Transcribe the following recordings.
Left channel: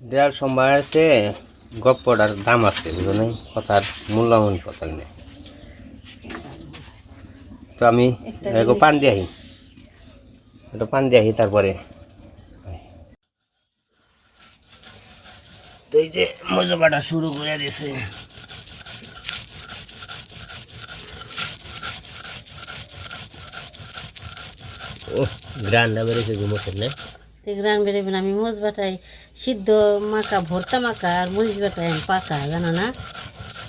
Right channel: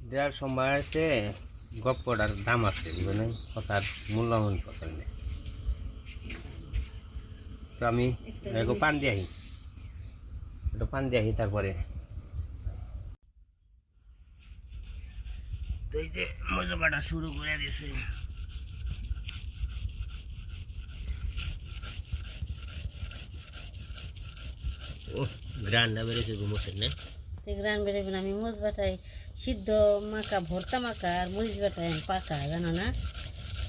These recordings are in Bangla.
দেড় সময় আছে গপ্পটার দাম আছে বুঝো নাই কথার মূল্যমান কথা নেই। তো আমি এগো পান দিয়ে আহি। একটু পান দিয়ে আহি তারপরে। তো এই যে মজাবাটা শুরু করে দিছে। ও গ্রান্ডা বেড়েছে ঘুমোছেন না। তো গ্রান বেরোবেন আমি মোজ বাটাই সিদ্ধ মাখা ভর্তা মাখা আর মরিচ বাটাই পাকা জানো না?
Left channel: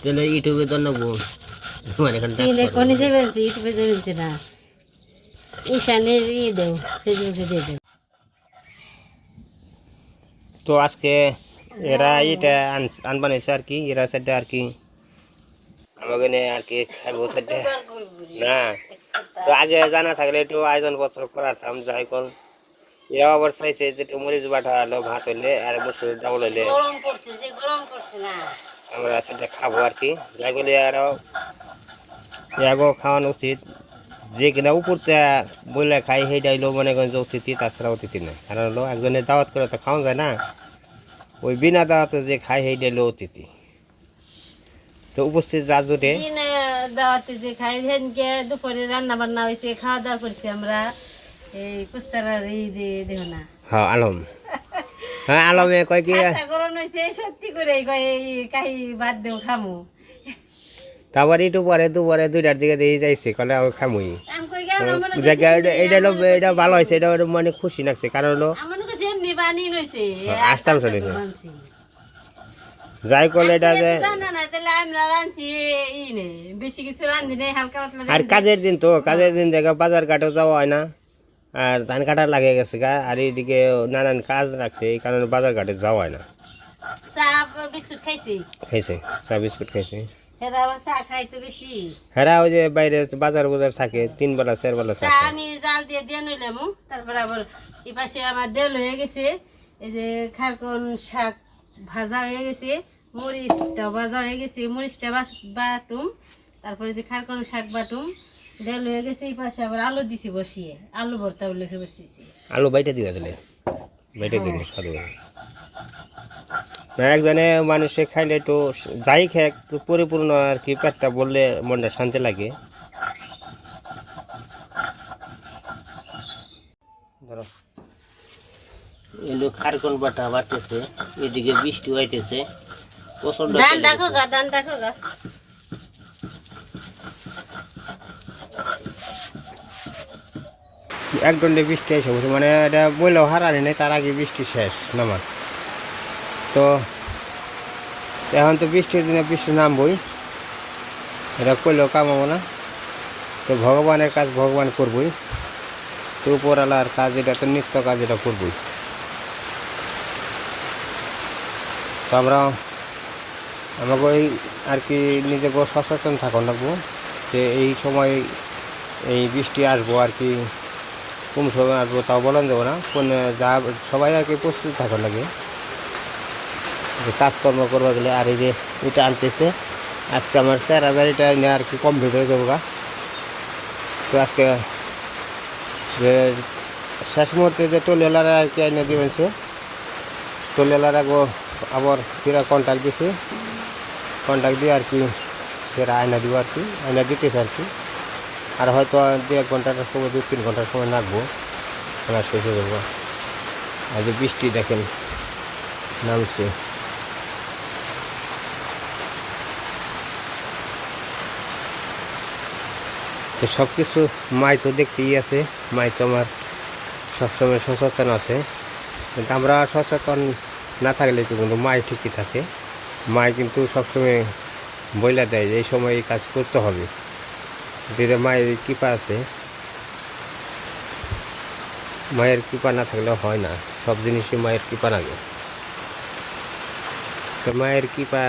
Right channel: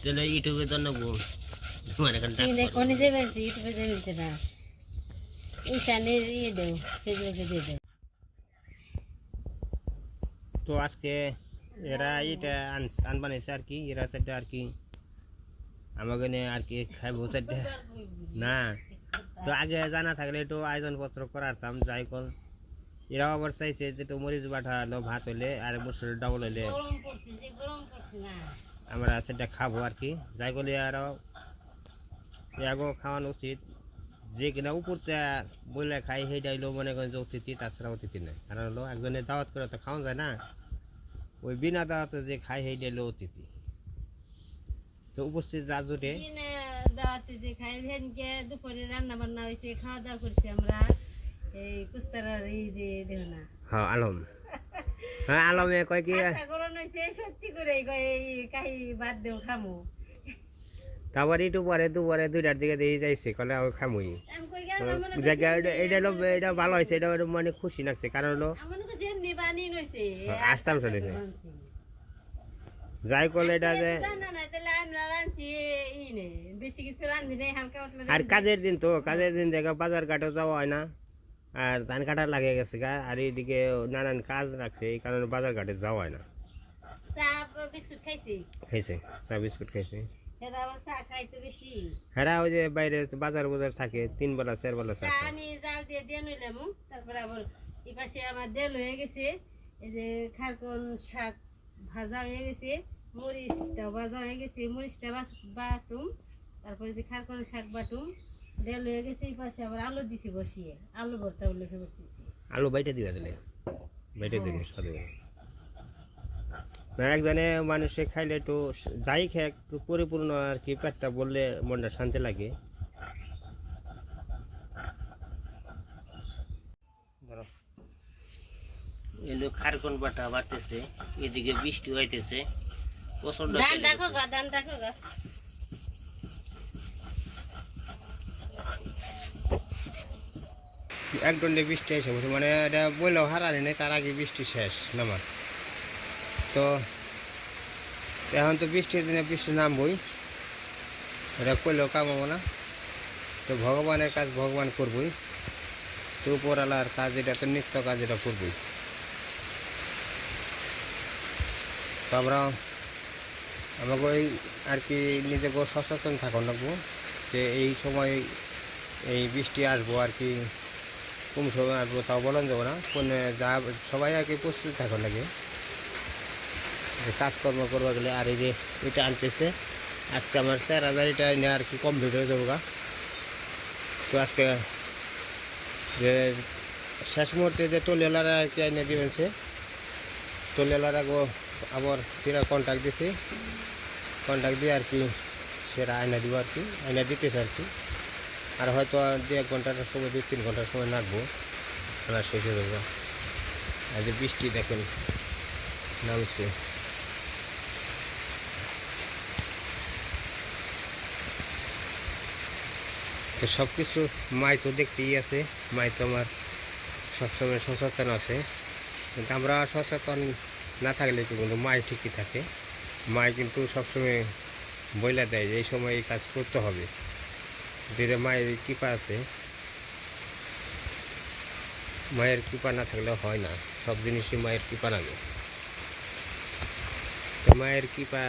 তাহলে ইউটিউবে তো নেব। মানে এখানটা তিন কোনে যাবেন ইউটিউবে না। ঈশানের ইয়ে দেও ফেসবুকে দিয়ে দেও। তো আজকে এরা এটা আন- আনবানাইছে আর কি এরা সেটা আর কি আমাকে আর কি খাইবো সেটা না তো আগে জানা থাকলে একটু আয়োজন পত্র করার থাম যাই কর। এরা আবার চাইছে যে একটু মরিচ বাটা হলো ভাত হইলে আর হইলে। গরম করছে না। আমরা সেটা খাব আর কি। করলে আরও এগো খাওয়ানো উচিত। যে কিনা উপরতে বলে খাই সেই ডাইলো মনে করেন যে অতিথি তাছাড়া অতিথি নেই। কারণ হলো একজনের দাওয়াত করে তো খাওয়া যায় না। ওই বিনা দাওয়াতে যে খাই সেই ডাইলো অতিথি। তো উপস্থিত যা জুটে দাওয়াতে যে খাই দুপুরে রান্না বান্না হয়েছে খাওয়া দাওয়া করছি আমরা। এই কুস্তারার এই যে দেহ না। হ্যাঁ আলম। হ্যাঁ আলমে কয় কি আচ্ছা, গরম হয়েছে সত্যি করে কয় এই কাহি বাদ দেও খামু। তারপর একটু পরে দুপুরে দুইটার দিকে দিয়ে যাইছে কলে আমি খামুই জায়গা এটা হলো এটা ভালো হয়েছে এটা মানে খুশি লাগছে কারণ হলো হ্যাঁ, আসতাম চলে যাই কলে এটা যে আর কাজের দিন তো কাজের দিন দেখা বাজার ঘাটেও যাওয়া হয় না। আর ধান কাটা লাগে গেছে গা আর এইদিকে নানান কাজ রাখছে এই কারণে বাজার ঘাটে যাওয়া হয় না। খাইছি। খাইছে? চা বিস্কুট খাইছে? বেশি। ওই যে বাইরে বাজার বাজার থাকে তিন বেলা চার বেলা চা আমি জাল দিয়ে দিয়ে নইলাম তারপরে আবার এই পাশে আমার ডেল হয়ে গেছে। এই যে খারকন শাক ভাজা হয়ে গেছে মরিচটা ভাজা হয়ে গেছে মরিচটা বাটুম। তারপরে যে খারকন শাক বাটুম ডেল হয়ে গেছে এই পাশে আবার আলু দিছি বসিয়ে। আলু ভর্তা উল্লেখে বসিয়েছি। আলু বাইটা দিবা দিলে বাইটা দিলে সাধু না একজনে মানুষে খাইলে একটু যাই খায় পরিপূর্ণ আর কি পেটটা বললে মনটা শান্তি লাগে। ধরো এলো খারকন বাটা বাটতেছে এদিকে বৃষ্টি হইতেছে প্রচণ্ড ধান রাখো গা ধান রাখো গা। এক দণ্ডে বৃষ্টি এসে বসে মানে এটা বললেও হারানি নেই, তার আগে বৃষ্টি শেষ নামার। তো এখন তো বৃষ্টির দিনে বৃষ্টি নামবই। এটা করলেও কামাবো না। তো ভগবানের কাজ ভগবান করবই। তো উপরালার কাজ এটা, তো নিত্য কাজ এটা করবই। তো আমরা, আমাকে ওই আর কি নিজেকে সচেতন থাকুন রাখব যে এই সময় এই বৃষ্টি আসব আর কি। কোন সময় আসব, তাও বলেন যাব না। কোন যা সবাই আর কি প্রস্তুত থাকুন লাগে। যে কাজকর্ম করবা গেলে আর এই যে এটা আনতেছে, আজকে আমার চার হাজার এটা নিয়ে আর কি কমপ্লিট হয়ে যাব গা। তো আজকে যে শেষ মুহূর্তে যে টোলেলারা আর কি এনে দিবেছে টোলেলারা গো আবার ফিরা কন্ট্যাক্ট দিছে। কন্ট্যাক্ট দিয়ে আর কি সেটা আয়না দিব আর কি আয়না দিতেছে আর কি। আর হয়তো দু এক ঘণ্টার সময় দু তিন ঘণ্টার সময় নাকবো। খেলা শেষ হয়ে যাব। আর যে বৃষ্টি দেখেন, নামছে। তো সব কিছু মাই তো দেখতেই আছে। মাই তো আমার সবসময় সচেতন আছে। কিন্তু আমরা সচেতন না থাকলে তো কিন্তু মাই ঠিকই থাকে। মাই কিন্তু সবসময় বইলা দেয় যে এই সময় এই কাজ করতে হবে। দিদি মায়ের কৃপা আছে। মায়ের কৃপা না থাকলে হয় না, সব জিনিসই মায়ের কৃপা লাগে। তো মায়ের কৃপা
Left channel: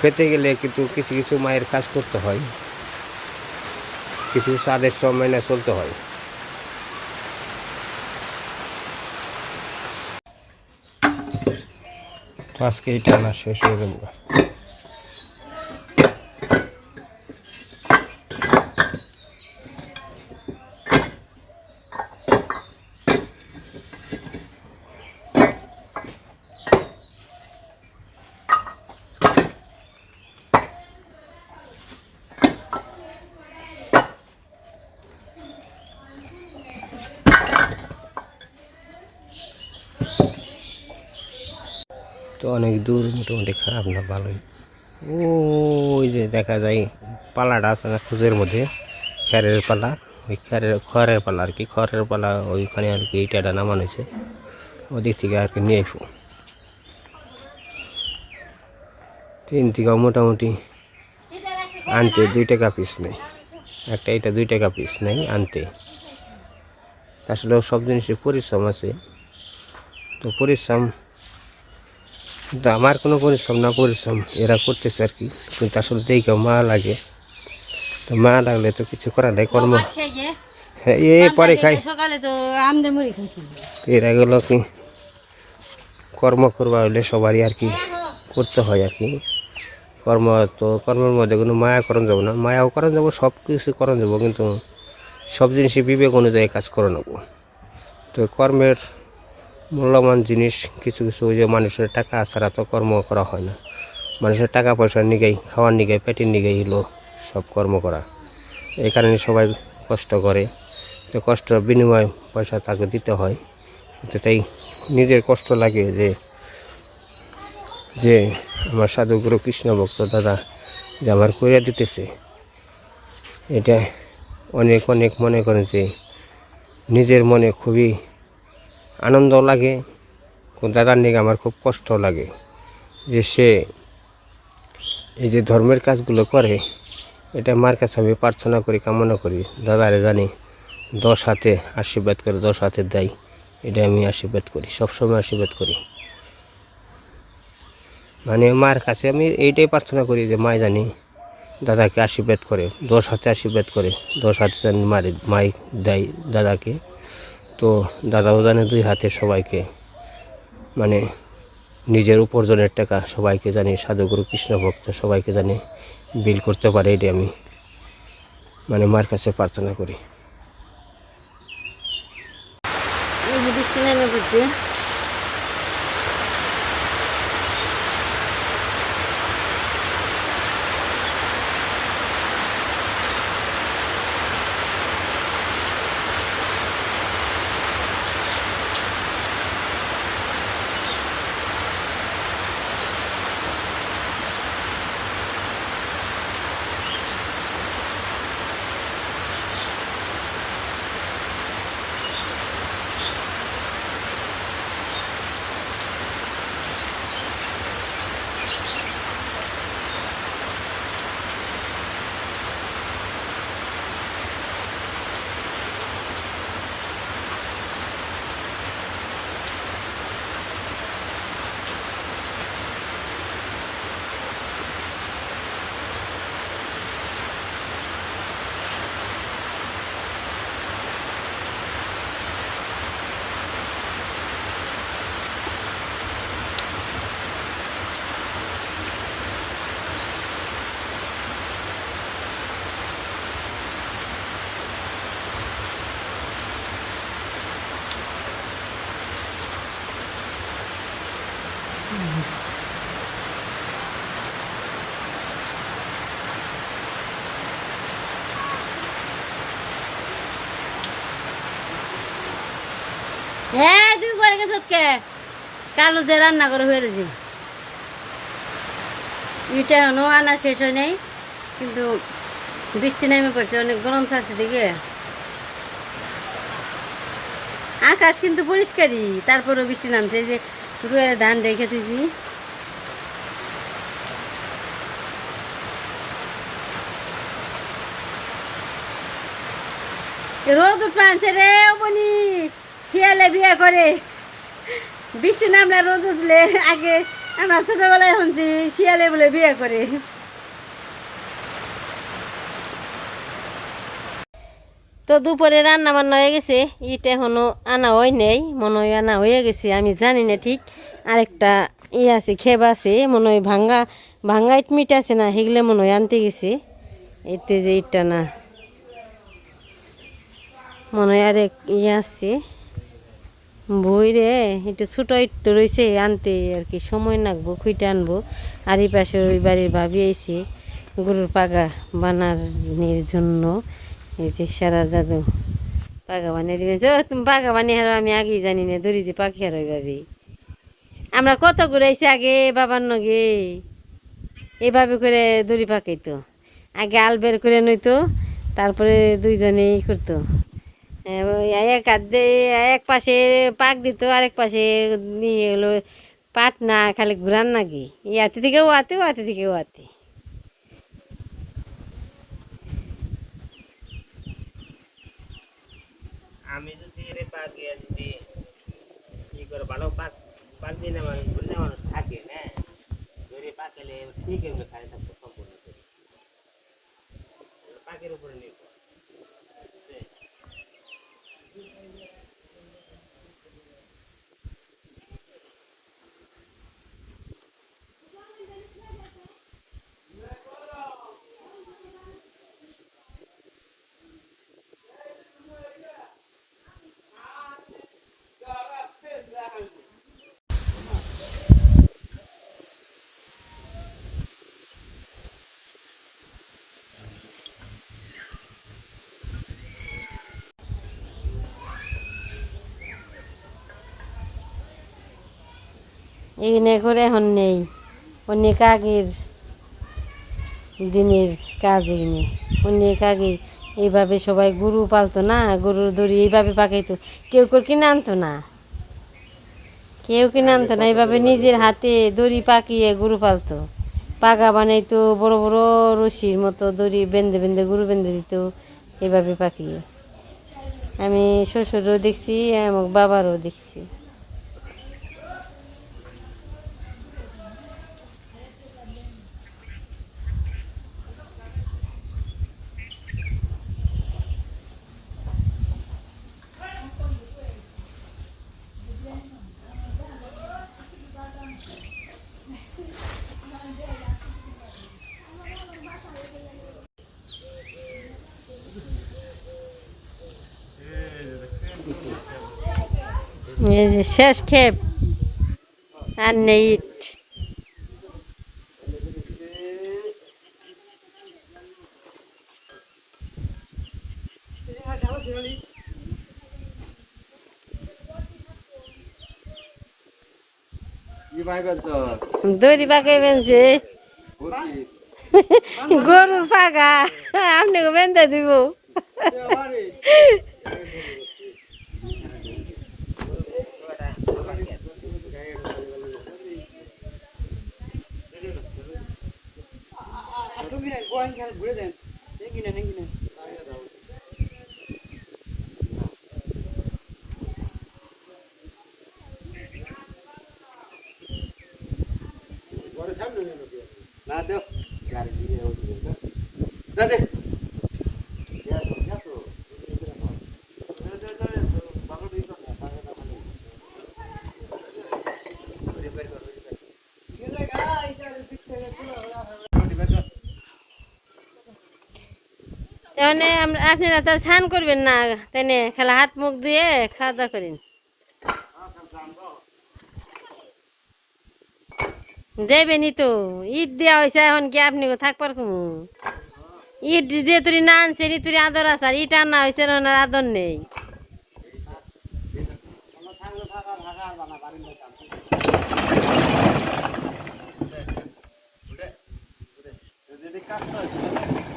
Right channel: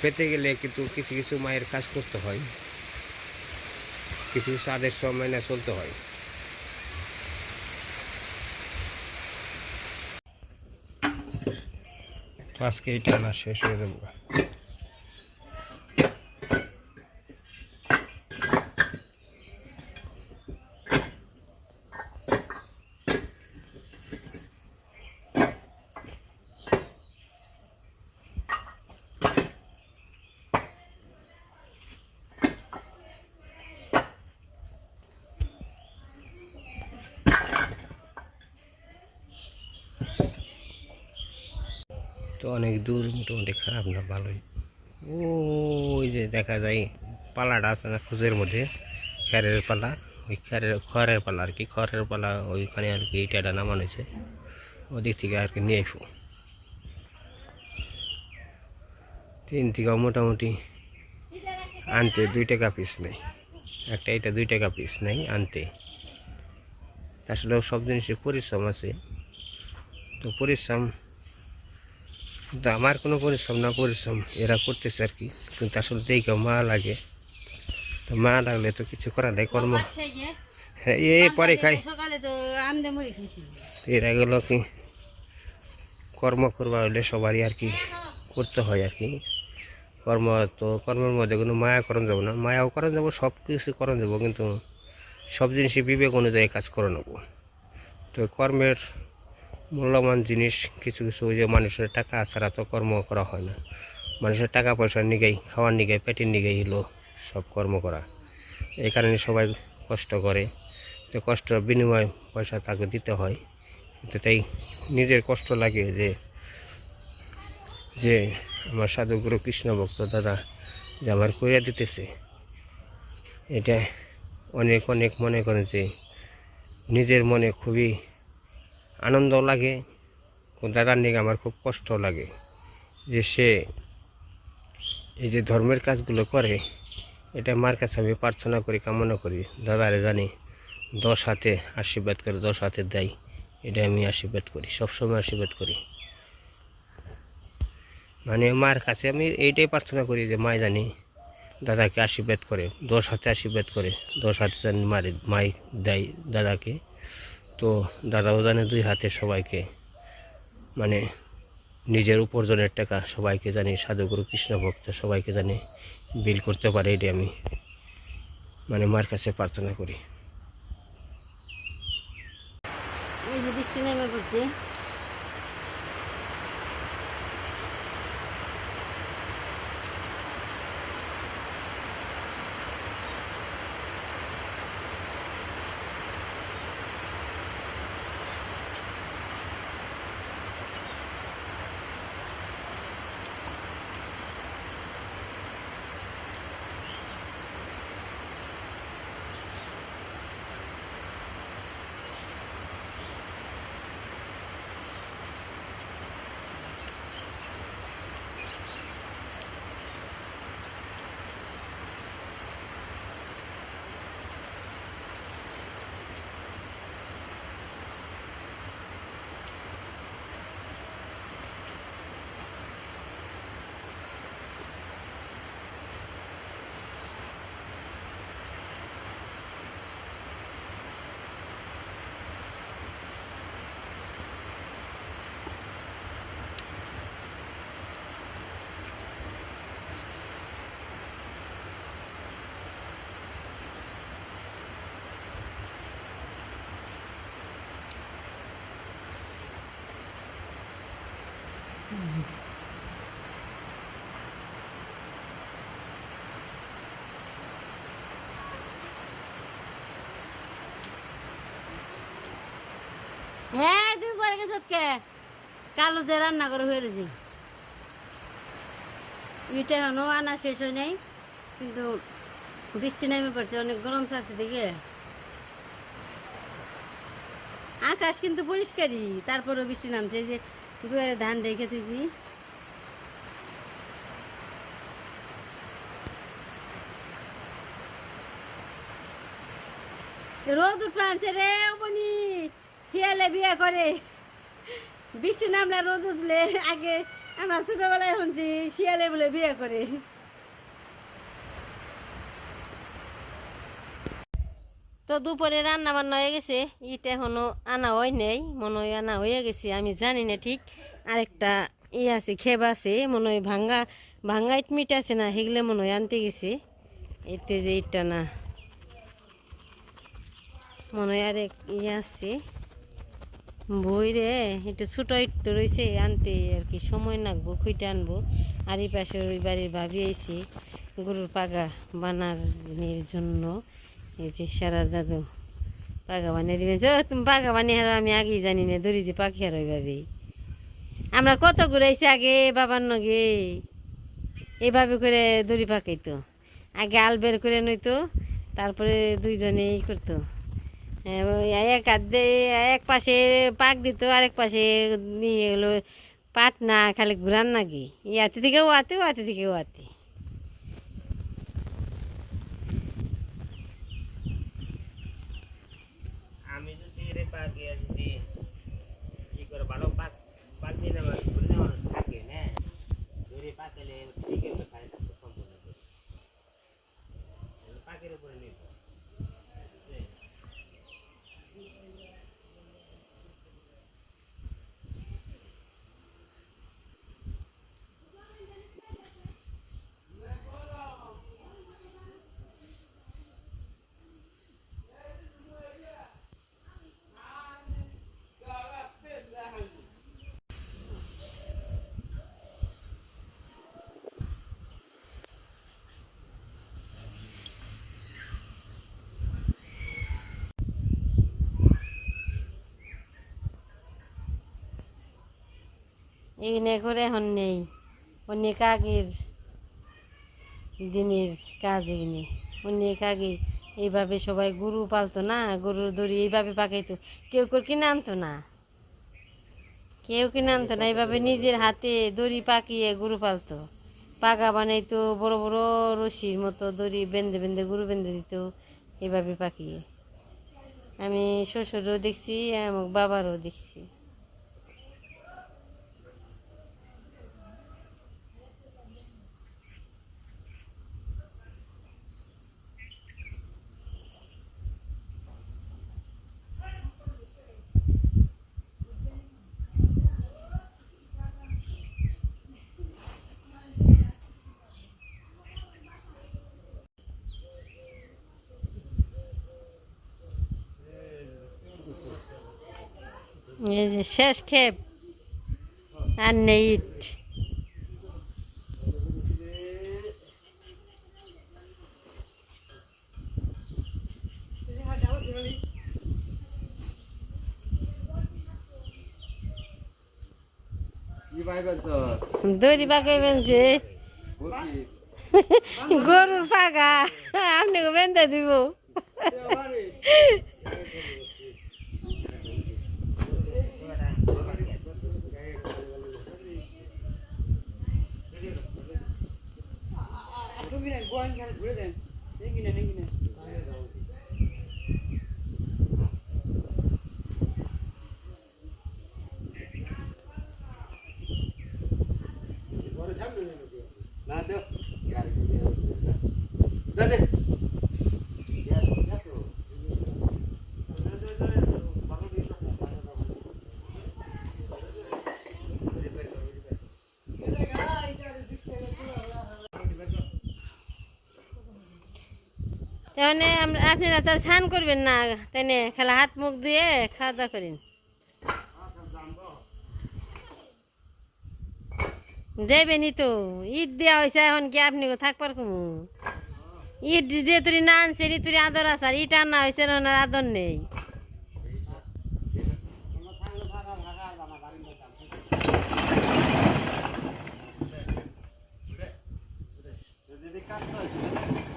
পেতে গেলে কিন্তু কিছু কিছু মায়ের কাজ করতে হয়। কিছু কিছু আদেশ মেনে চলতে হয়। আজকে এটা না শেষ হয়ে যাব তো অনেক দূর মোটামুটি খারাপ না, ভালোই। ওই যে দেখা যায়, পালাটা আছে না খুঁজের মধ্যে খ্যারের পালা। ওই খ্যারের খড়ের পালা আর কি, খড়ের পালা ওইখানে আর কি ইটাটা নামানো হয়েছে। ওদিক থেকে আর কি নিয়ে আসব তিন থেকে মোটামুটি আনতে দুই টাকা পিস নেই। একটা এটা দুই টাকা পিস নেই আনতে। আসলে সব জিনিসের পরিশ্রম আছে। তো পরিশ্রম কিন্তু আমার কোনো পরিশ্রম না পরিশ্রম এরা করতেছে আর কি। কিন্তু আসলে দেখে মা লাগে। তো মা লাগলে তো কিছু করার নাই কর্ম। হ্যাঁ এই পরে খাই। এরা গেল কি কর্ম করবা হইলে সবারই আর কি করতে হয় আর কি। কর্ম তো কর্মের মধ্যে কোনো মায়া করণ যাব না। মায়াও করণ যাব সব কিছু করণ যাব কিন্তু সব জিনিসই বিবেক অনুযায়ী কাজ করে নেব। তো কর্মের মূল্যবান জিনিস, কিছু কিছু ওই যে মানুষের টাকা ছাড়া তো কর্ম করা হয় না। মানুষের টাকা পয়সার নিগাই, খাওয়ার নিগাই, পেটের নিগাই হলো সব কর্ম করা। এই কারণে সবাই কষ্ট করে। তো কষ্ট বিনিময় পয়সা তাকে দিতে হয়। তো তাই নিজের কষ্ট লাগে যে যে আমার সাধুগুরু কৃষ্ণ ভক্ত দাদা যে আমার করিয়া দিতেছে। এটা অনেক অনেক মনে করেন যে, নিজের মনে খুবই আনন্দ লাগে। দাদার নিয়ে আমার খুব কষ্ট লাগে যে সে এই যে ধর্মের কাজগুলো করে, এটা মার কাছে আমি প্রার্থনা করি, কামনা করি, দাদারে জানি দশ হাতে আশীর্বাদ করে দশ হাতে দেয়, এটা আমি আশীর্বাদ করি, সবসময় আশীর্বাদ করি। মানে মার কাছে আমি এইটাই প্রার্থনা করি যে মা জানি দাদাকে আশীর্বাদ করে, দশ হাতে আশীর্বাদ করে, দশ হাতে জানি মারে, মাই দেয় দাদাকে। তো দাদাও জানে দুই হাতে সবাইকে মানে নিজের উপার্জনের টাকা সবাইকে জানি সাধুগুরু কৃষ্ণ ভক্ত সবাইকে জানি বিল করতে পারে এটি আমি মানে মার কাছে প্রার্থনা করি। হ্যাঁ তুই করে গেছ কে কালো দিয়ে রান্না করে রয়েছে। ইটা এখনও আনা শেষ হয় নাই, কিন্তু বৃষ্টি নেমে পড়ছে, অনেক গরম থাকছে দিকে আকাশ কিন্তু পরিষ্কারই, তারপরেও বৃষ্টি নামছে যে রুয়ের ধান রেখে তুইছি রোদ উঠছে রে বনি শিয়ালে বিয়ে করে। বৃষ্টি নামলে রোদ উঠলে আগে আমরা ছোটবেলায় শুনছি, শিয়ালে বলে বিয়ে করে। তো দুপুরে রান্না বান্না হয়ে গেছে। ইট এখনও আনা হয় নেই, মনে হয় আনা হয়ে গেছে, আমি জানি না ঠিক। আরেকটা ই আছে খেব আছে, মনে হয় ভাঙ্গা ভাঙ্গা ইট মিট আছে না, সেগুলো মনে হয় আনতে গেছে। এতে যে ইটটা না। মনে হয় আরেক ইয়ে আসছে বই রে একটু ছোটো ইট তো রয়েছে, আনতে আর কি সময় লাগবো খুঁটে আনব। আর এই পাশে ওই বাড়ির ভাবি আইছে, গরুর পাগা বানানোর জন্য। এই যে সারা দাদু পাকা বানিয়ে দিবেন যে তুমি পাকা বানিয়ে হারো, আমি আগেই জানি না, দড়ি যে পাখি হারো এইভাবে আমরা কত ঘুরাইছি আগে বাবার নগে। এইভাবে করে দড়ি পাকাইতো। আগে আল বের করে নইতো, তারপরে দুইজনে ই করতো। এক হাত এক পাশে পাক দিত, আরেক পাশে নিয়ে হলো পাট না, খালি ঘুরান নাকি ইয়াতে থেকে ওয়াতে ওয়াতে থেকে ওয়াতে আমি যদি এর পাক দিয়ে যদি কি করে ভালো পাক পাক দিয়ে নেওয়া ঘুরে নেওয়া মানুষ থাকে না ধরে পাকালে ঠিক এখানে করে এখন নেই। অন্য কাকের দিনের কাজ এখানে। অন্য কাকে এইভাবে সবাই গরু পালতো না, গরুর দড়ি এইভাবে পাকাইতো। কেউ কেউ কিনে আনতো না। কেউ কিনে আনতো না, এইভাবে নিজের হাতে দড়ি পাকিয়ে গরু পালতো। পাগা বানাইতো, বড় বড় রশির মতো দড়ি বেঁধে বেঁধে, গরু বেঁধে দিত এইভাবে পাকিয়ে। আমি শ্বশুরও দেখছি এবং বাবারও দেখছি। এই যে শেষ খেপ আর নেই ইট দড়ি পাকাইবেন যে গরুর পাকা আপনি বেঁধে দিব। going here, breathing. Ningine, ningine. তাহলে আমরা আপনারা তো স্নান করবেন না? তাই না খেলা হাত মুখ দিয়ে খাওয়া দাওয়া করেন। যাইবেনি তো। ইট দেওয়া হয়েছে এখন কি আপনি থাকবার কমু? ইট যে তুই না আনছেন তুই আদর আসার ইট আনা হয়েছে না আদর নেই। এই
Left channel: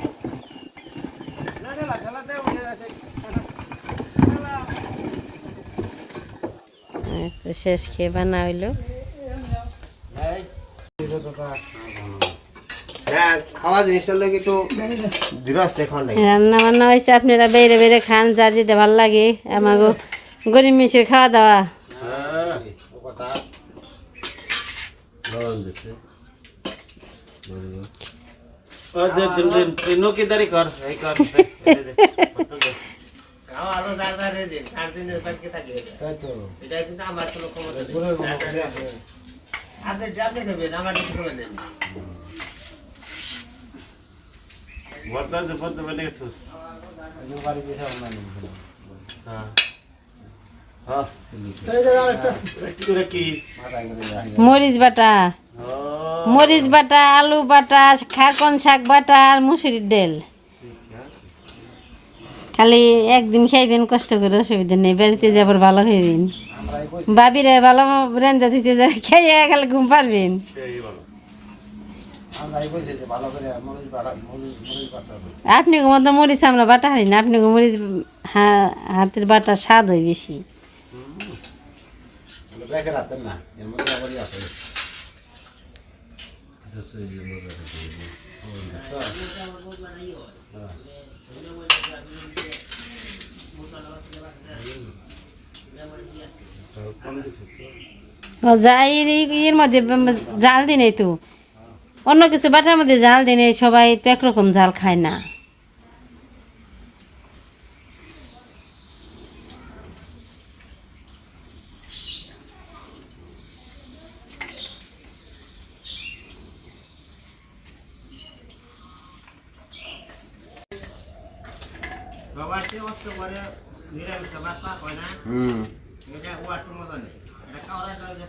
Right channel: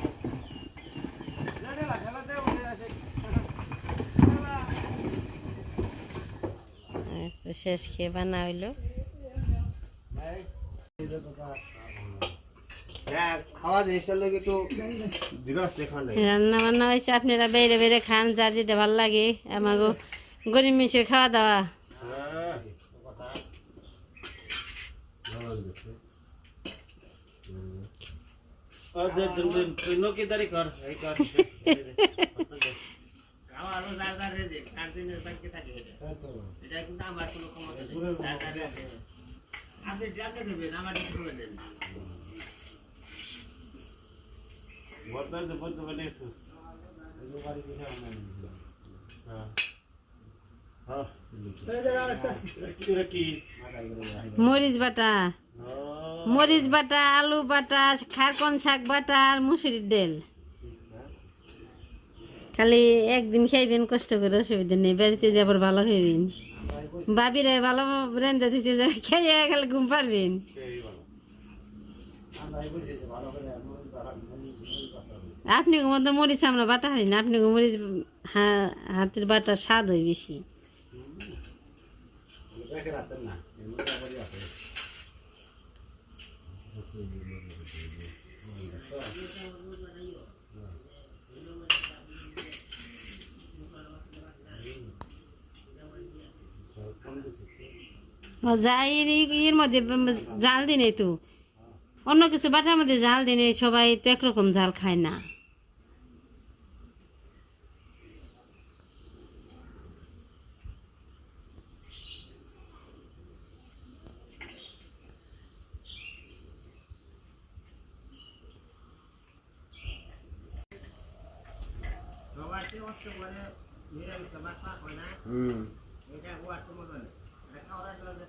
তো শেষ খেয়ে বানা হইল। হ্যাঁ রান্না বান্না হয়েছে আপনারা বেড়ে বেড়ে খান যার যেটা ভালো লাগে। আমাকে গরিব মিশের খাওয়া দাওয়া। হ্যাঁ। কর তাই তো। এটা কিন্তু আমার কোনো ক্ষমতা নেই। গুণের ক্ষমতা নেই। আপনি আপনি খাবেন আমার কিছু খাবেন না বর্তমান বলতে বলে গেছিস বাড়ি গিয়ে খাওয়া হ্যাঁ। হ্যাঁ। মরিচ বাটা। ও। মরিচ বাটা আলু বাটা খারকন শাক বাটা আর মুসুরির ডাল। খালি একদিন খাইবেন, কষ্ট করে অসুবিধা নেই, বাড়িতে যাবার ভালো খাইবেন। বাবিরে ভালো রেন্দা দিতে যা খাইয়ে খালি ঘুম পারবেন। আপনি মতো মরিচ আমরা বাটা হারি না আপনি মরিচ হাতের বাটার স্বাদ হয় বেশি। না এর মধ্যে আবার আছে ও যাই এর মধ্যে জাল দিনে তো। অন্য কিছু বাটার মধ্যে জাল দিনে সবাই তো একরকম জাল খায় না।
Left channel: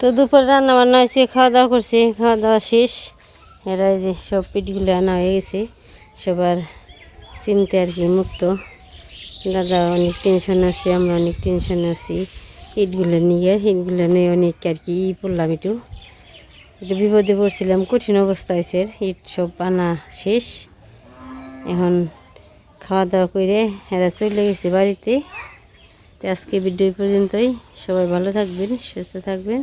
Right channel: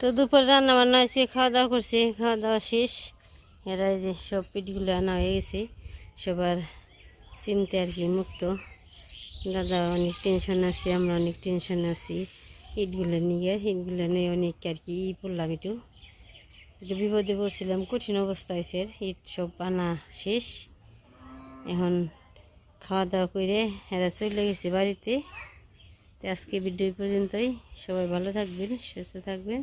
তো দুপুর রান্না বান্না হয়েছে খাওয়া দাওয়া করছি খাওয়া দাওয়া শেষ। এরা যে সব পিঠগুলো আনা হয়ে গেছে, সবার চিনতে আর কি মুক্ত। দাদা অনেক টেনশন আছে, আমরা অনেক টেনশন আছি। ইটগুলো নিয়ে ইটগুলো নিয়ে অনেক আর কি ই পড়লাম একটু। একটু বিপদে পড়ছিলাম, কঠিন অবস্থা হয়েছে, ইট সব আনা শেষ। এখন খাওয়া দাওয়া করে এরা চলে গেছে বাড়িতে। তো আজকে এই পর্যন্তই। সবাই ভালো থাকবেন, সুস্থ থাকবেন।